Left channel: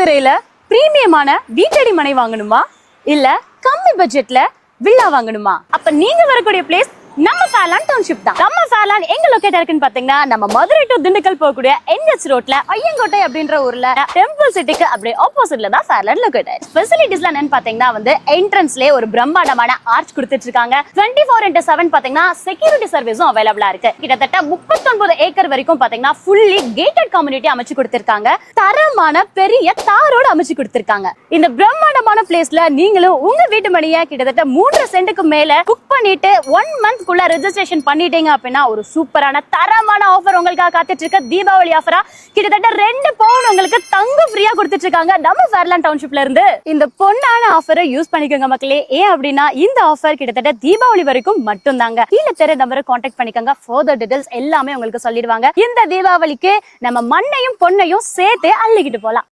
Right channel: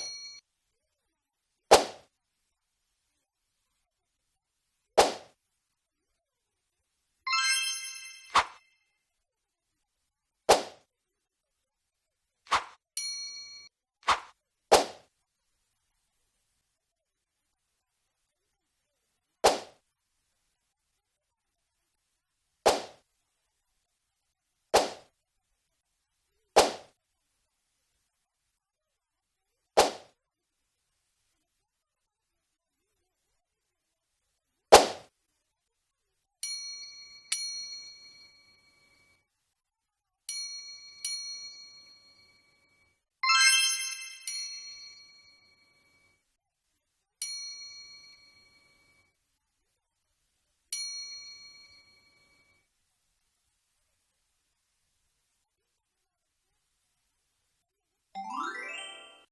மதுரையில பிரீமியமான வீட்டடி மனை வாங்கணுமா இல்ல கம்மி பட்ஜெட்ல வில்லா வாங்கணுமா? அப்ப நீங்க வரக்கூடிய பிளேஸ் நம்ம ஃபேர்லாண்ட் டவுன்ஷிப் தான். நம்ம ஃபேர்லாண்ட் எங்க லொகேட் இருக்குன்னு பாத்தீங்கன்னா நம்ம மதுரை டு திண்டுக்கல் போகக்கூடிய NH ரோட்ல ஐயங்கோட்டை அப்படின்ற ஊர்ல டெம்பிள் சிட்டிக்கு அப்படியே ஆப்போசிட்ல தான் ஃபேர்லாண்ட் லொகேட் ஆயிருக்கு. ஃபெசிலிட்டிஸ்லாம் என்னன்னு பாத்தீங்கன்னா வந்து என்ட்ரன்ஸ்லயே ஒரு பிரம்மாண்டமான ஆர்ச் கொடுத்துட்டு இருக்காங்க. 24x7 பாத்தீங்கன்னா செக்யூரிட்டி சர்வீஸும் அவைலபிளா இருக்கு. கிட்டத்தட்ட 39 ஏக்கர் வரைக்கும் பாத்தீங்கன்னா ஃபுல்லி கேட்டட் கம்யூனிட்டி அமைச்சு கொடுத்திருக்காங்க. தரமான பெரிய தாரோட அமைச்சு கொடுத்திருக்காங்க. இந்த பிரம்மாண்டமான பிளேஸ்ல நீங்களும் உங்க வீட்டு மணியை கிட்டத்தட்ட 3 சென்ட்டுக்கு மேல புக் பண்ணிட்டு 1 மந்த் ரெஜிஸ்ட்ரேஷன் பண்ணிட்டீங்க அப்படின்னா ஒரு சூப்பரான தரமான ஆஃபர் உங்களுக்காக காத்துட்டு இருக்க. தீபாவளி ஆஃபரா கிட்டத்தட்ட 2 பவுன் உங்களுக்கு தங்கம் ஃப்ரீயா கொடுத்துட்டு இருக்காங்க நம்ம ஃபேர்லாண்ட் டவுன்ஷிப்ல இருந்து. இந்த பொன்னான ஆஃபரை யூஸ் பண்ணிக்கோங்க மக்களே. ஏன் அப்படின்னா இந்த ஆஃபர் கிட்டத்தட்ட தீபாவளி வரைக்கும் மட்டும் தாங்க. கீழே தெரிய நம்பரை கான்டாக்ட் பண்ணிக்கோங்க. ஃபர்தர் டீடைல்ஸ் எல்லாமே உங்களுக்கு சொல்லிடுவாங்க. இந்த தீபாவளிக்கு நம்ம மண்ணையும் பொண்ணையும் சேர்த்து அள்ளிக்கிட்டு போலாம்.